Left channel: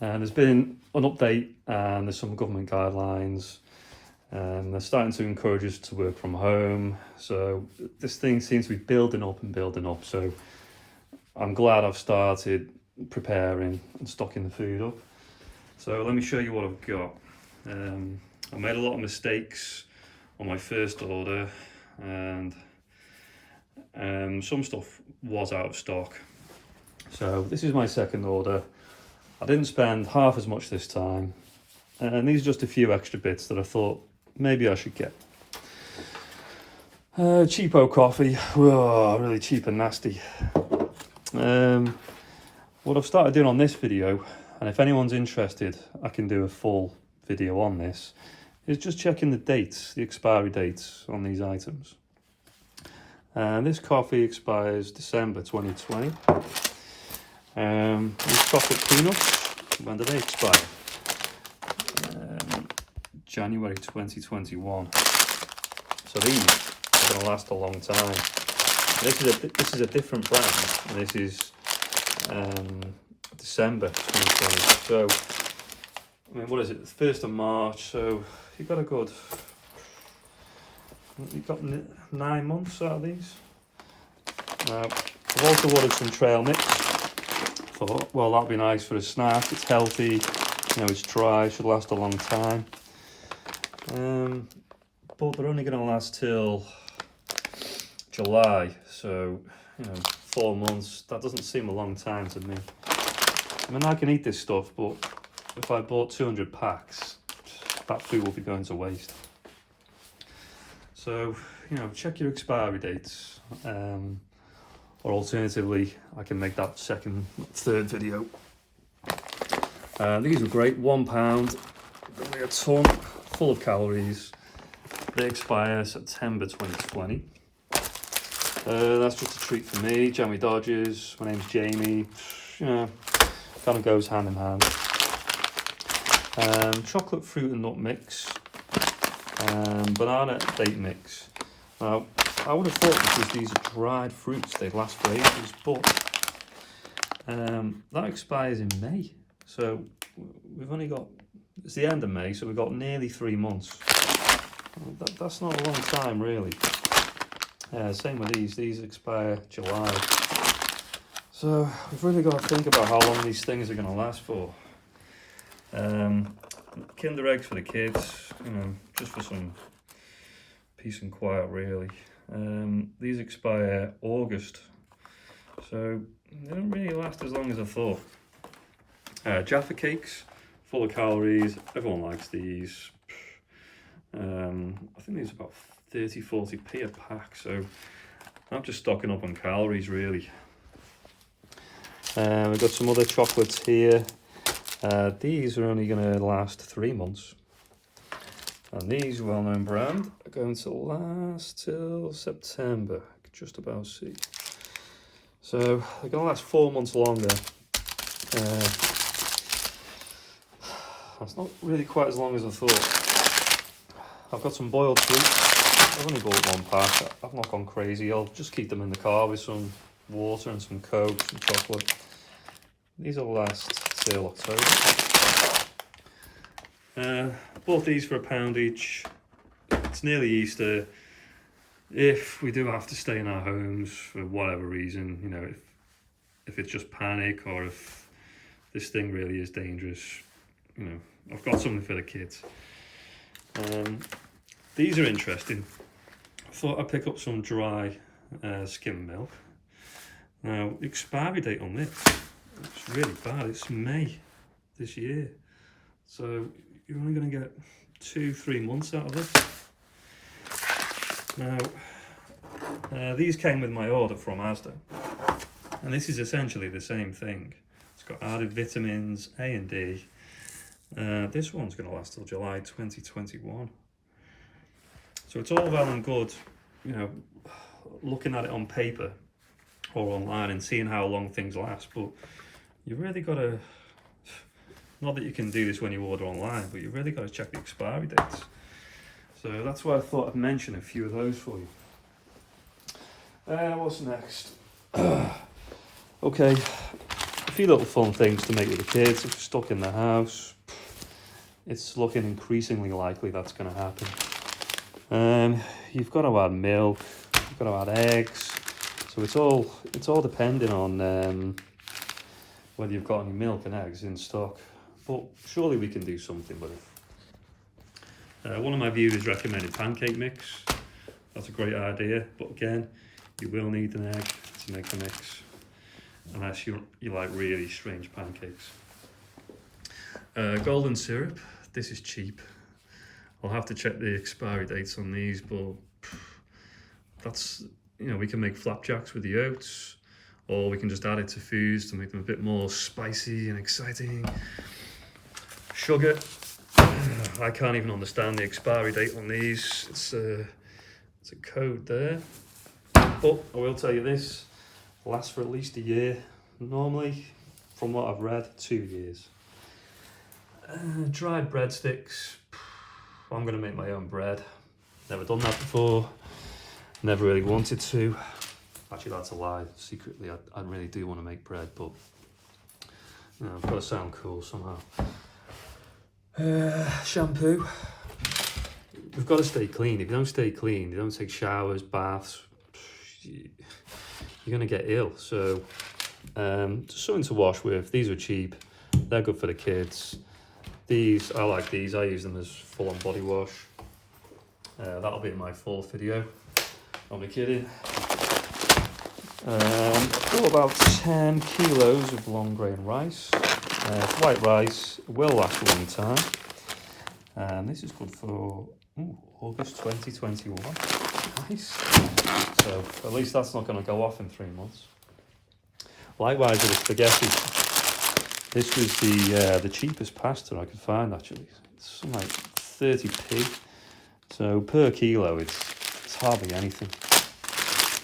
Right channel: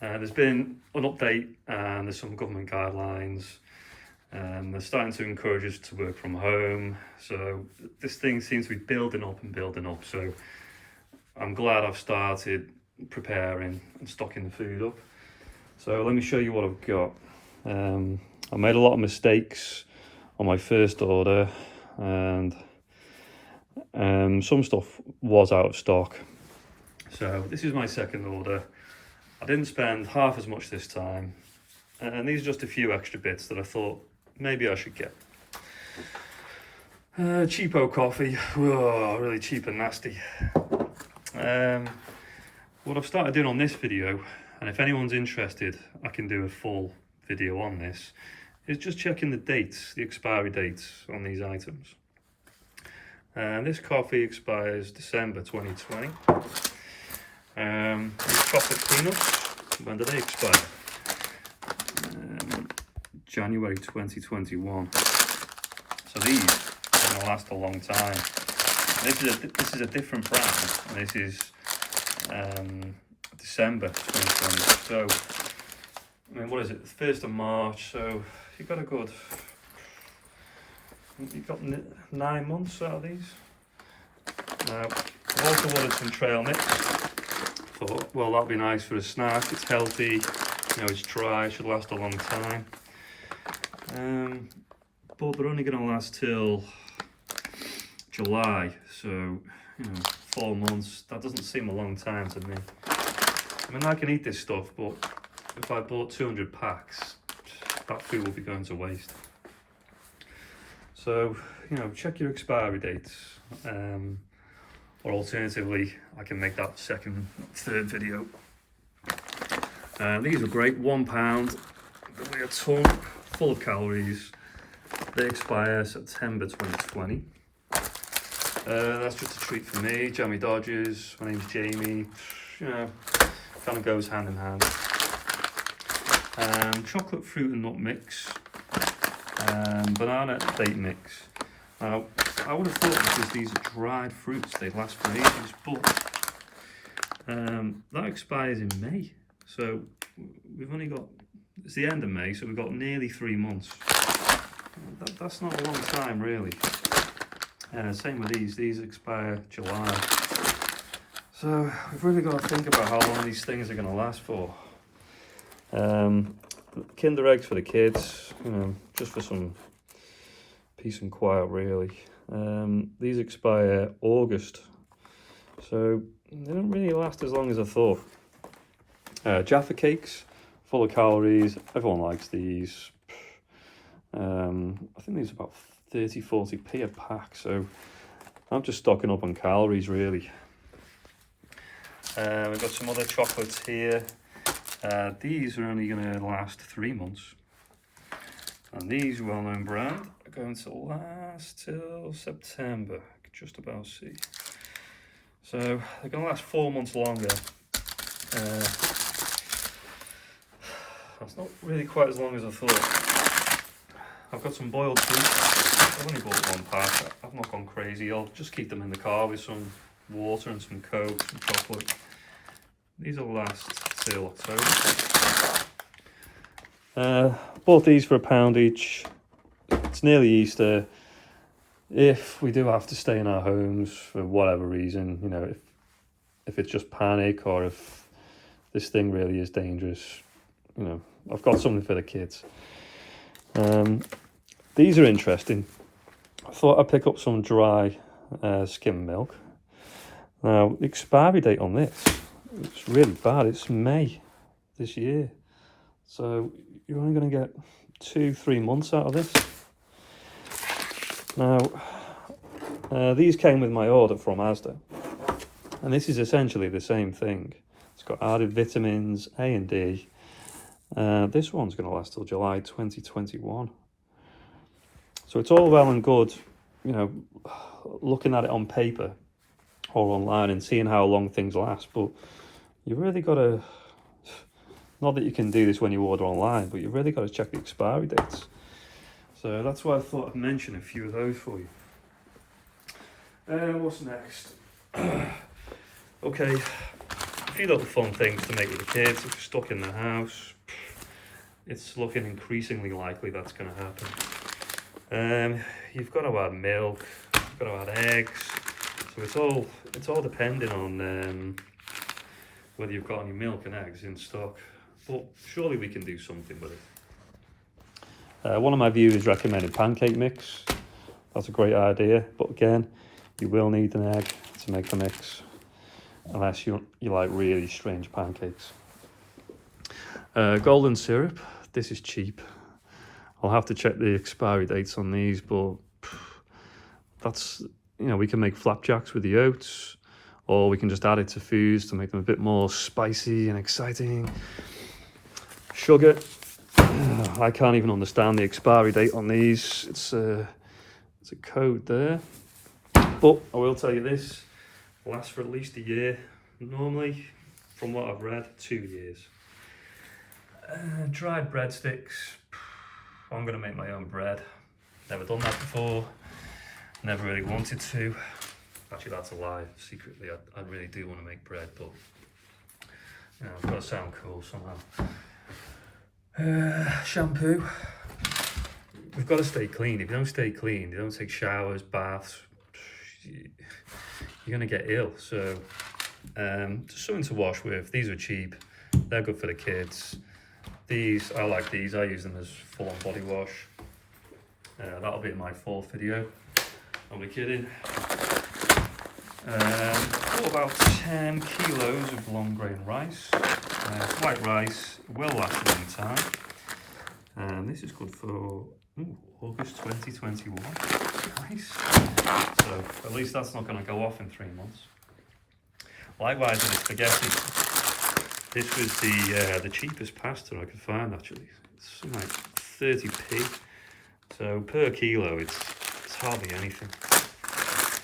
There's been an update and there's some government guidelines. They're starting to encourage us to work from home. So this thing seems to be building up and building up. So I'm glad I've started preparing and stocking the food up. So let me show you what I've got. I made a lot of mistakes on my first order, and some stuff was out of stock. So this is my second order. I didn't spend half as much this time, and these are just a few extra bits that I thought maybe I should get. Cheapo coffee, really cheap and nasty. What I've started doing on this video, and if anyone's interested, I can do a full video on this, is just checking the dates, the expiry dates on these items. And this coffee expires December 2020. These chocolate peanuts, when do they expire? January 2021. So these are going to last a long time. This is a different brand. This is December 2020. So, I mean, what is it? The 1st of March. So you've got 9 months out of these. I've also ordered some trail mix. Thought, well, that'd be nice for a snack. It's healthy, you know, it's dry, should last a long time. But they're only going to last till July, so, you know, 4 months, that doesn't seem a long time to me. I mean, I can eat this stuff, but if I bought 200 packs, that food will be going to waste. So, you know, check your expiry dates. Or alternatively, I can make that third video. These are great, £1, they weigh a ton, full of calories. They expire September 2020. That's just a treat for me. Jammy Dodgers, my name's Jamie. You know, kind of goes hand in hand. Chocolate fruit and nut mix. Banana date mix. Now, I would have thought because these are dried fruits, they'd last for ages, but that expires in May. So we've only got, it's the end of May, so we've got nearly 3 months. That's not a long time, really. Same with these expire July. So we've really got to think about how long these things are going to last for. Kinder eggs for the kids, you know, just for some peace and quiet, really. These expire August, so they don't really last as long as I thought. Jaffa cakes, full of calories, everyone likes these. I think these are about 30-40p a pack, so I'm just stocking up on calories, really. We've got some other chocolates here. These are only going to last 3 months. And these well-known brand are going to last till September, just about see. So they're going to last 4 months longer. That's not really quite as long as I thought. I've got some boiled fruit. I've only bought 1 pack. I've not gone crazy. I'll just keep them in the car with some water and some Coke, some chocolate. These will last till October. Bought these for £1 each. It's nearly Easter. If we do have to stay in our homes for whatever reason, you know, if it's just panic or if this thing really is dangerous, you know, I've got something for the kids. These are interesting. I thought I'd pick up some dry skim milk. Now, the expiry date on this, it's really bad. It's May this year. So you're only going to get 2-3 months out of this. Now, these came with my order from Asda. And this is essentially the same thing. It's got added vitamins A and D. This one's going to last till July 2021. So it's all well and good, you know, looking at it on paper or online and seeing how long things last, but you really got to, not that you can do this when you order online, but you really got to check the expiry dates. So that's why I thought I'd mention a few of those for you. What's next? Okay, few little fun things to make with the kids. If you're stuck in the house, it's looking increasingly likely that's going to happen. You've got to add milk, you've got to add eggs, so it's all depending on whether you've got any milk and eggs in stock. But surely we can do something with it. One of my viewers recommended pancake mix. That's a great idea, but again, you will need an egg to make the mix, unless you like really strange pancakes. Golden syrup. This is cheap. I'll have to check the expiry dates on these, but that's, we can make flapjacks with the oats, or we can just add it to foods to make them a bit more spicy and exciting. Sugar. I can't even understand the expiry date on these. It's a code there, but I will tell you this lasts for at least a year. Normally, from what I've read, 2 years. Dried breadsticks. I'm going to make my own bread. Never done that before. Never really wanted to. Actually, that's a lie. Secretly, I really do want to make bread, but I've got to sound cool somehow. Shampoo. We've got to stay clean. If you don't stay clean, you don't take showers, baths, you're going to get ill. So just something to wash with. These are cheap. They're good for the kids. These, I like these. I use them as full-on body wash. That'll be in my 4th video. I'll be kidding. About 10 kilos of long grain rice. White rice will last a long time. And this is good for August 2021. Nice. So at least that's not going to go off in 3 months. Likewise with the spaghetti. This was the cheapest pasta I could find, actually. It's something like 30p. So per kilo, it's hardly anything.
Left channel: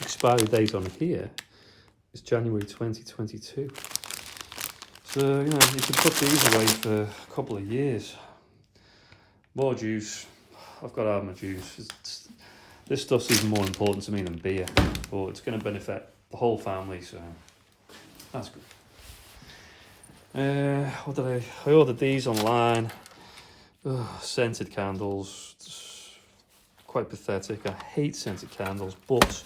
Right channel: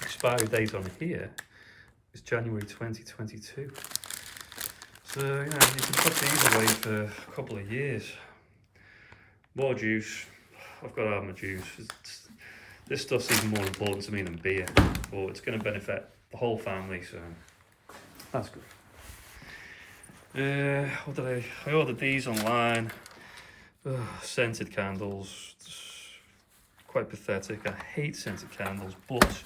Expiry date on here is January 2022. So, you could put these away for a couple of years. More juice. I've got to have my juice. This stuff's even more important to me than beer, but it's going to benefit the whole family, so that's good. What did I ordered these online. Scented candles. It's quite pathetic. I hate scented candles, but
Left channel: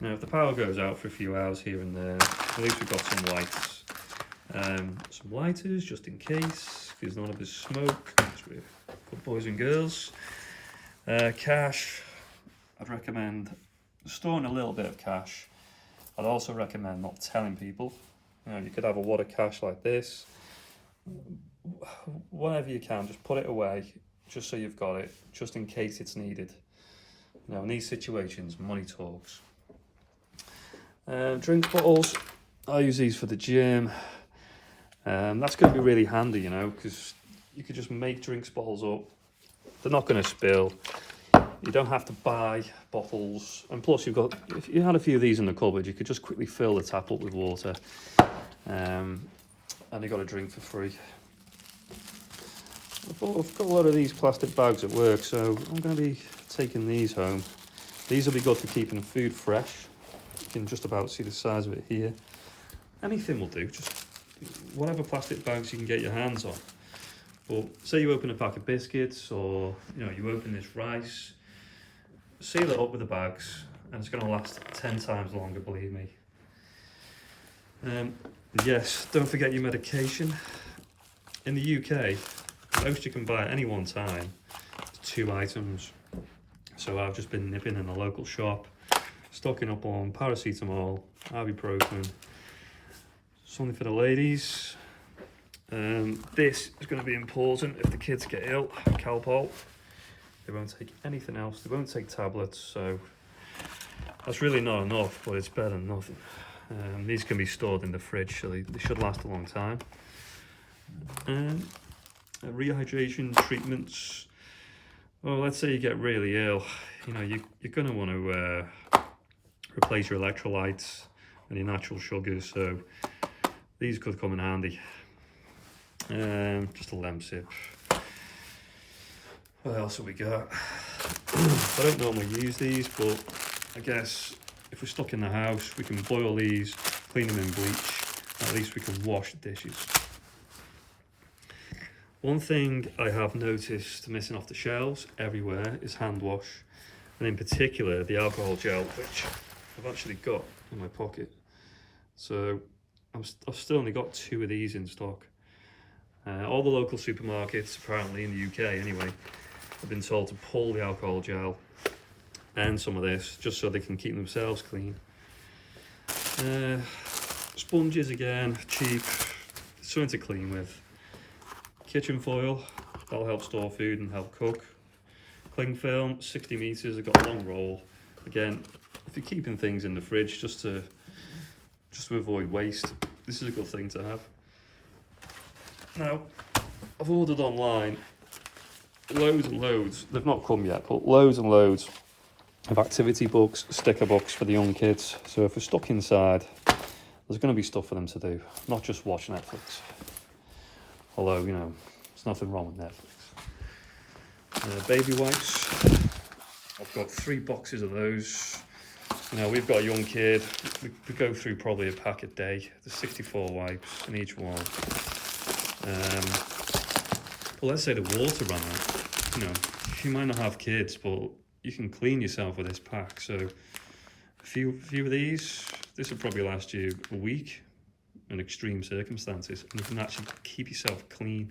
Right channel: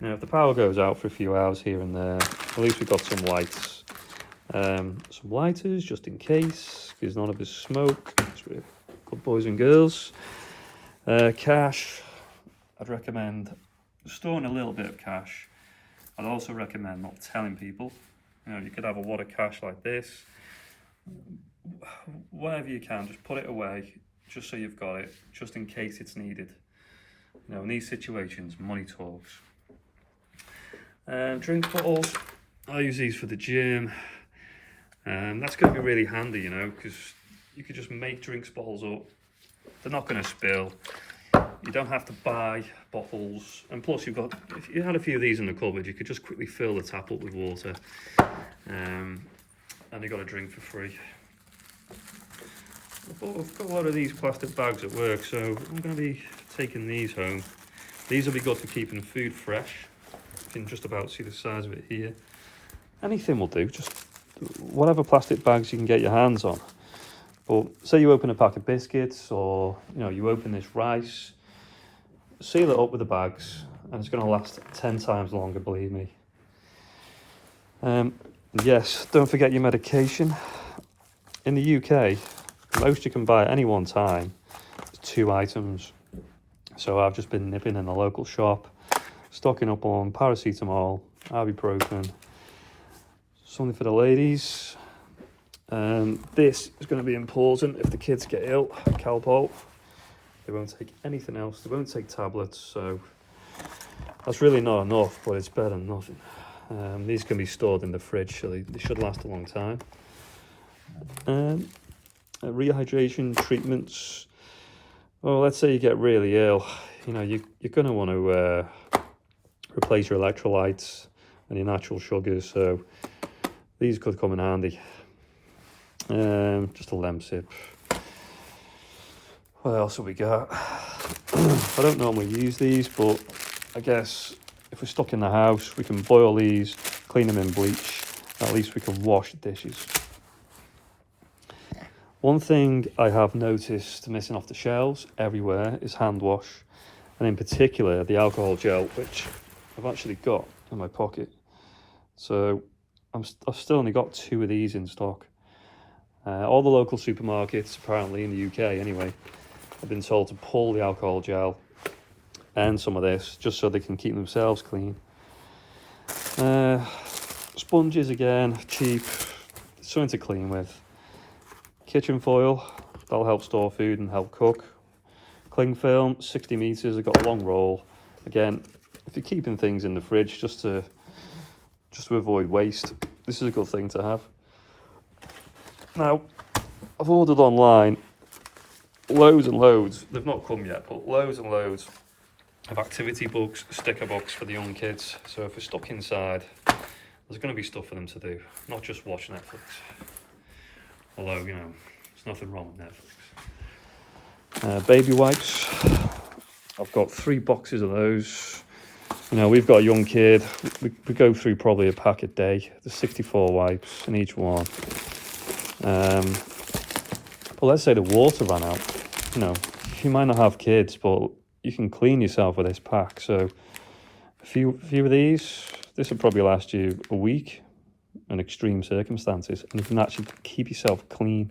if the power goes out for a few hours here and there, at least we've got some lights. Some lighters just in case, if there's none of this smoke. Good boys and girls. Cash. I'd recommend storing a little bit of cash. I'd also recommend not telling people. You could have a wad of cash like this. Whatever you can, just put it away, just so you've got it, just in case it's needed. In these situations, money talks. Drink bottles. I use these for the gym. That's going to be really handy, because you could just make drinks bottles up. They're not going to spill. You don't have to buy bottles. And plus, if you had a few of these in the cupboard, you could just quickly fill the tap up with water. And you got a drink for free. I've got a lot of these plastic bags at work, so I'm going to be taking these home. These will be good for keeping the food fresh. You can just about see the size of it here. Anything will do, just whatever plastic bags you can get your hands on. But say you open a pack of biscuits, or you open this rice, seal it up with the bags, and it's going to last 10 times longer, believe me. Yes, don't forget your medication. In the UK, most you can buy at any one time is 2 items. So I've just been nipping in a local shop, stocking up on paracetamol, ibuprofen, something for the ladies. This is going to be important if the kids get ill, Calpol. They won't take anything else, they won't take tablets, so that's really not enough, but it's better than nothing. These can be stored in the fridge, so they should last a long time. Rehydration treatments. Well, let's say you get really ill, you're going to want to replace your electrolytes and your natural sugars, so these could come in handy. Just a Lemsip. What else have we got? I don't normally use these, but I guess if we're stuck in the house, we can boil these, clean them in bleach, At least we can wash the dishes. One thing I have noticed missing off the shelves everywhere is hand wash, and in particular the alcohol gel, which I've actually got in my pocket. So I've still only got 2 of these in stock. All the local supermarkets, apparently in the UK anyway, have been told to pull the alcohol gel and some of this just so they can keep themselves clean. Sponges again, cheap, something to clean with. Kitchen foil, that'll help store food and help cook. Cling film, 60 meters, I've got a long roll. Again, if you're keeping things in the fridge just to avoid waste, this is a good thing to have. Now, I've ordered online loads and loads, they've not come yet, but loads and loads of activity books, sticker books for the young kids. So if we're stuck inside, there's going to be stuff for them to do, not just watch Netflix. Although, you know, there's nothing wrong with Netflix. Baby wipes, I've got 3 boxes of those. You know, we've got a young kid, we go through probably a pack a day. There's 64 wipes in each one. Well, let's say the water ran out. You know, you might not have kids, but you can clean yourself with this pack. So a few of these, this will probably last you a week in extreme circumstances, and you can actually keep yourself clean.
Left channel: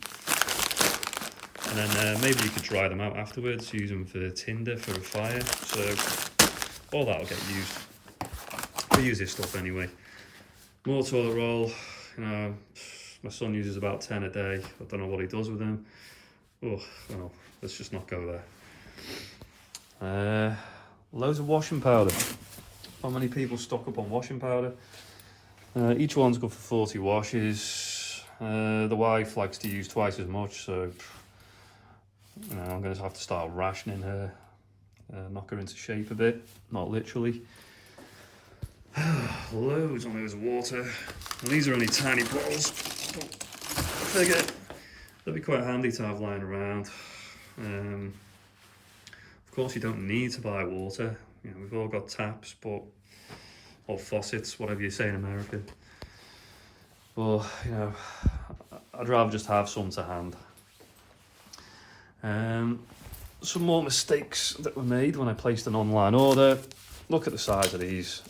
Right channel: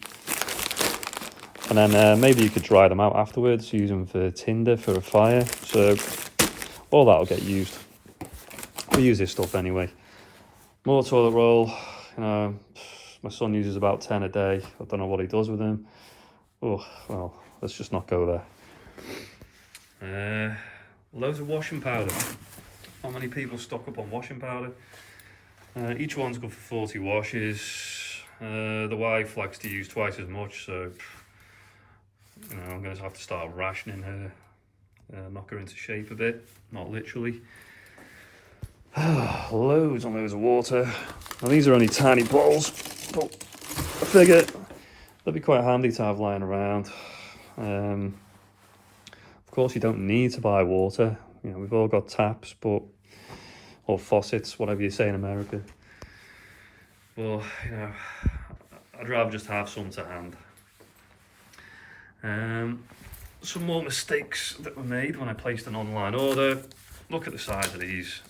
And then maybe you could dry them out afterwards, use them for tinder for a fire. So all that'll get used. We use this stuff anyway. More toilet roll, you know, my son uses about 10 a day. I don't know what he does with them. Oh, well, let's just not go there. Loads of washing powder. Not many people stock up on washing powder. Each one's good for 40 washes. The wife likes to use twice as much, so you know, I'm going to have to start rationing her, knock her into shape a bit, not literally. Loads and loads of water. Now these are only tiny bottles, but I figure they'll be quite handy to have lying around. Of course, you don't need to buy water. You know, we've all got taps, or faucets, whatever you say in America. But you know, I'd rather just have some to hand. Some more mistakes that were made when I placed an online order. Look at the size of these.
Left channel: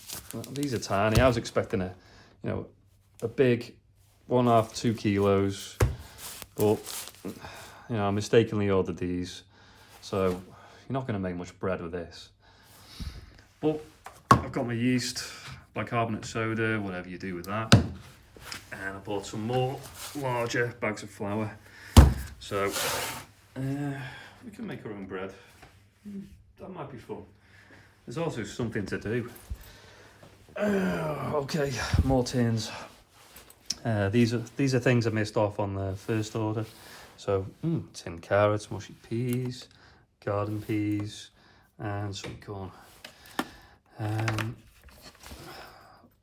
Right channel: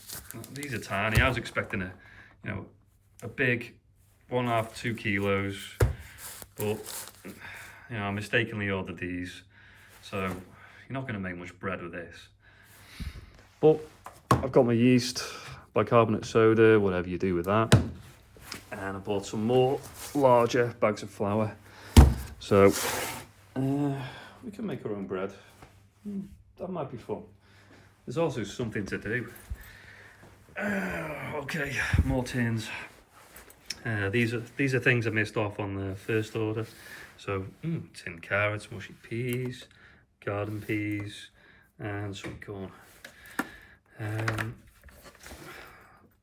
These are tiny. I was expecting a big 1.5 to 2 kilos, but you know, I mistakenly ordered these. So you're not going to make much bread with this. But I've got my yeast, bicarbonate soda, whatever you do with that. And I bought some more larger bags of flour. So we can make our own bread. That might be fun. There's also something to do. Okay, more tins. These are things I missed off on the first order. So tinned carrots, mushy peas, garden peas, and sweet corn.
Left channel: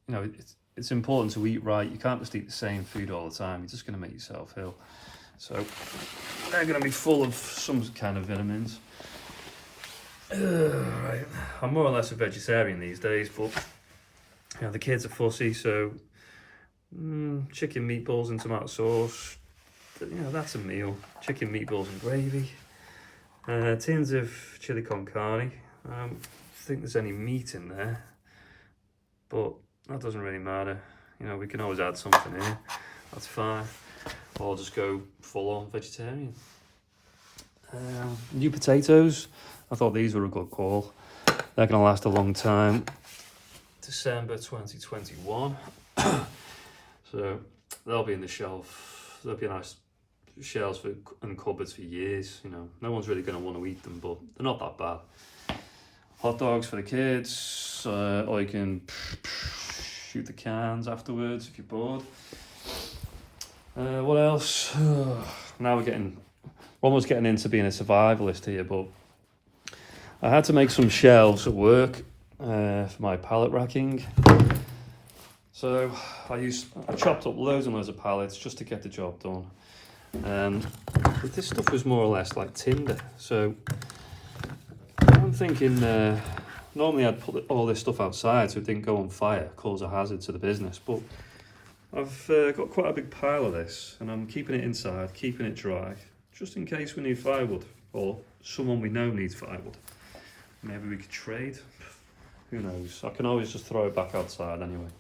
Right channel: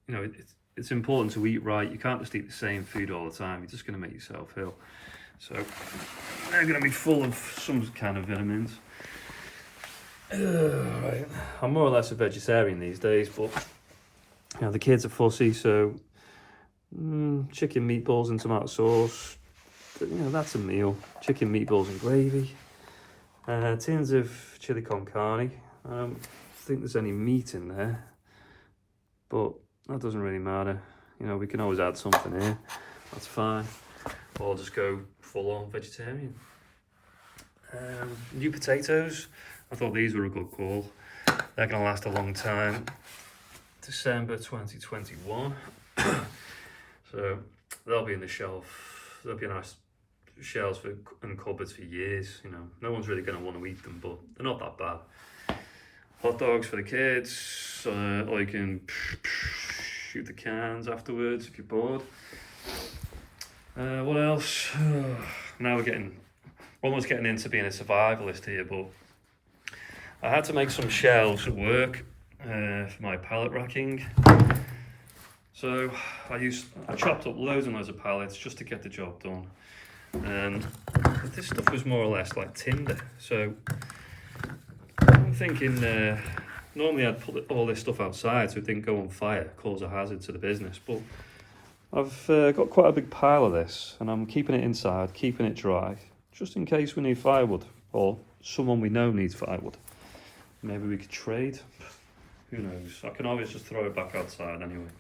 You know, it's important to eat right. You can't just eat the same food all the time. You're just going to make yourself ill. So they're going to be full of some kind of vitamins. Right. I'm more or less a vegetarian these days, but you know, the kids are fussy, so chicken meatballs and tomato sauce, you know, that's a meal. Chicken meatballs and gravy. Tins of chili con carne. I don't think there's any meat in there, but that doesn't really matter. You know, we can always add something here. That's fine. Or just go full on vegetarian. New potatoes. I thought these were a good call. They're going to last a long time. December 2021. So they'll be in the shelf. They'll be nice shelves and cupboards for years. You know, no one's really going to want to eat them, but they're not that bad. Hot dogs for the kids, or you can shoot the cans afterwards if you're bored. What else? Now we're almost getting into being a survivalist here, but I had to make some shelves at work for my pallet racking. So I chopped up loads and loads of pallets just to get the job done. And this stuff was more or less like tinder. So I'm thinking, normally I'd put all this stuff outside so it didn't go on fire, cause a hazard to the business. But I've got quite a big pile of this, and I'm keeping it inside, keeping it dry, just in case we need firewood, or someone we know needs firewood. Maybe we could trade. Who knows? I can always just throw it back outside anyway.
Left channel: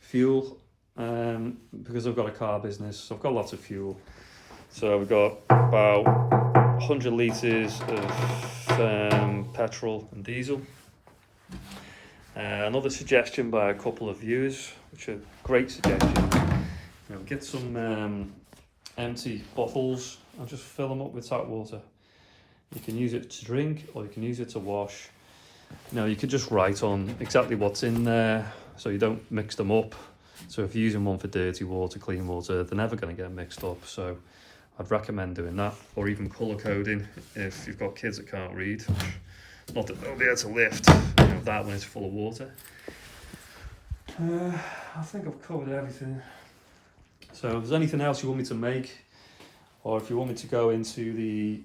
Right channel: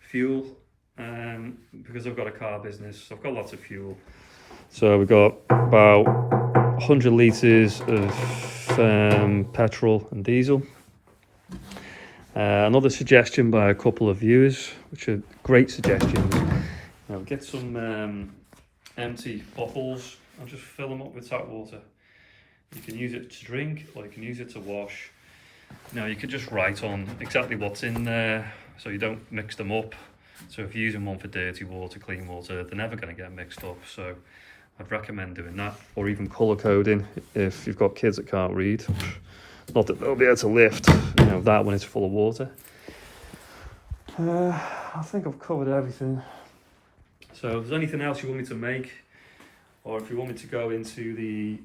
Fuel, because I've got a car business, I've got lots of fuel. So we've got about 100 litres of petrol and diesel. Another suggestion by a couple of viewers, which are great suggestions. Now get some empty bottles and just fill them up with tap water. You can use it to drink, or you can use it to wash. Now you could just write on exactly what's in there, so you don't mix them up. So if you're using one for dirty water, clean water, they're never going to get mixed up. So I'd recommend doing that, or even colour coding if you've got kids that can't read. Not that they'll be able to lift, that when it's full of water. I think I've covered everything. So if there's anything else you want me to make, or if you want me to go into the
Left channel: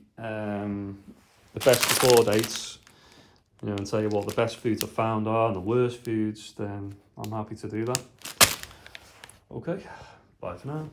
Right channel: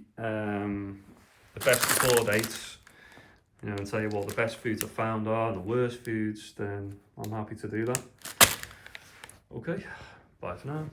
best before dates, and tell you what the best foods I found are and the worst foods, then I'm happy to do that. Okay, bye for now.